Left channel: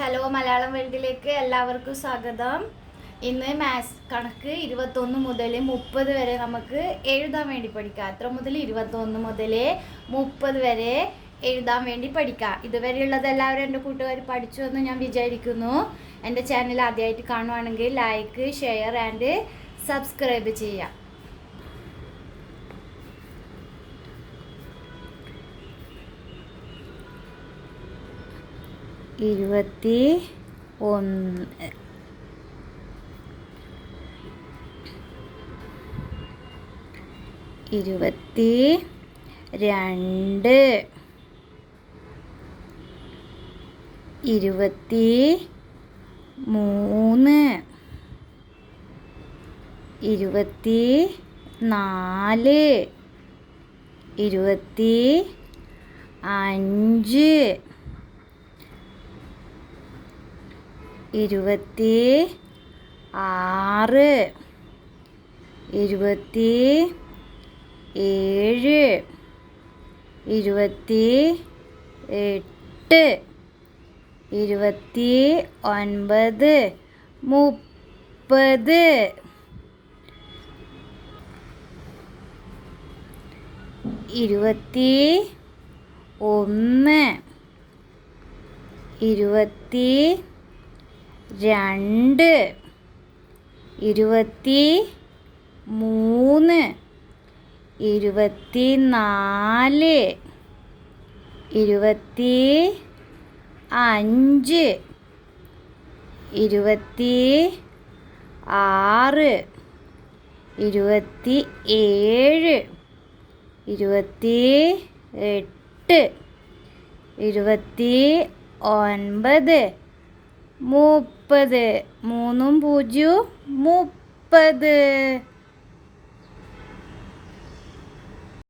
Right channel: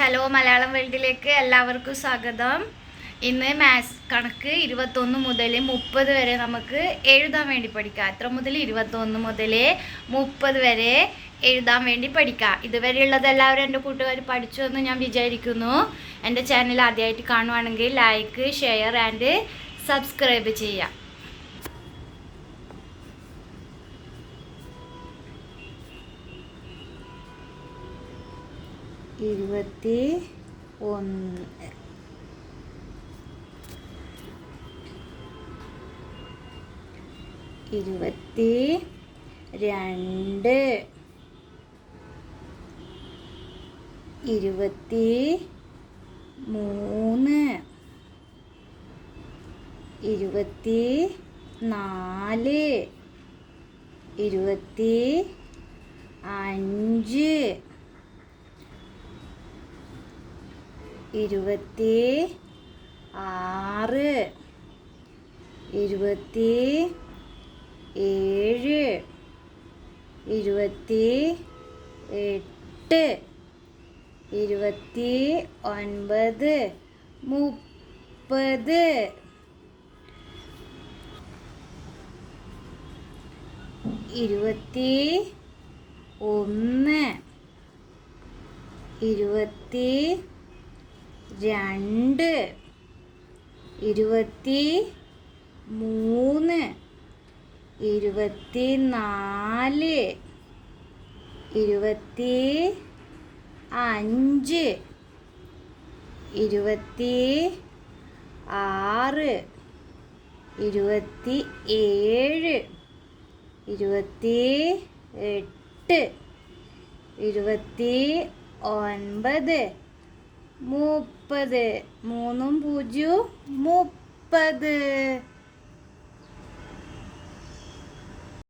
Hello Malayalam വേൾഡിലേക്ക് എല്ലാവർക്കും സ്വാഗതം. ഇന്ന് മാത്സ് കണക്ക് ഇരുപത്തൊന്ന് മുതൽ മുപ്പത് വരെ നമുക്ക് എഴുതാൻ വേണ്ടി പഠിക്കാം. എത്ര മുതൽ ഇരുപത്തൊന്ന് മുതൽ മുപ്പത് വരെ എഴുതാൻ വേണ്ടി പഠിക്കാം. ഇതുവരെയുള്ളത് എല്ലാവരും എന്റെ കൂട്ടുകാർ പഠിച്ചു എന്ന് ഞാൻ വിചാരിക്കുന്നു. എന്റെ ചാനൽ ആദ്യമായിട്ട് കാണുവാണെങ്കിൽ ലൈക്ക് ഷെയർ ആൻഡ് സബ്സ്ക്രൈബ് ചെയ്യാം. ഇരുപത്തി ഒന്ന്. ഇരുപത്തി രണ്ട്. ഇരുപത്തി മൂന്ന്. ഇരുപത്തി നാല്. ഇരുപത്തി അഞ്ച്. ഇരുപത്തി ആറ്. ഇരുപത്തി ഏഴ്. ഇരുപത്തി എട്ട്. ഇരുപത്തി ഒൻപത്. മുപ്പത്. ഇരുപത്തി ഒന്ന്. ഇരുപത്തി രണ്ട് ഇരുപത്തി മൂന്ന് ഇരുപത്തി നാല് ഇരുപത്തി അഞ്ച് ഇരുപത്തി ആറ് ഇരുപത്തി ഏഴ് ഇരുപത്തി എട്ട് ഇരുപത്തി ഒൻപത് മുപ്പത്. മൂന്നും പൂജ്യവും മുപ്പത്.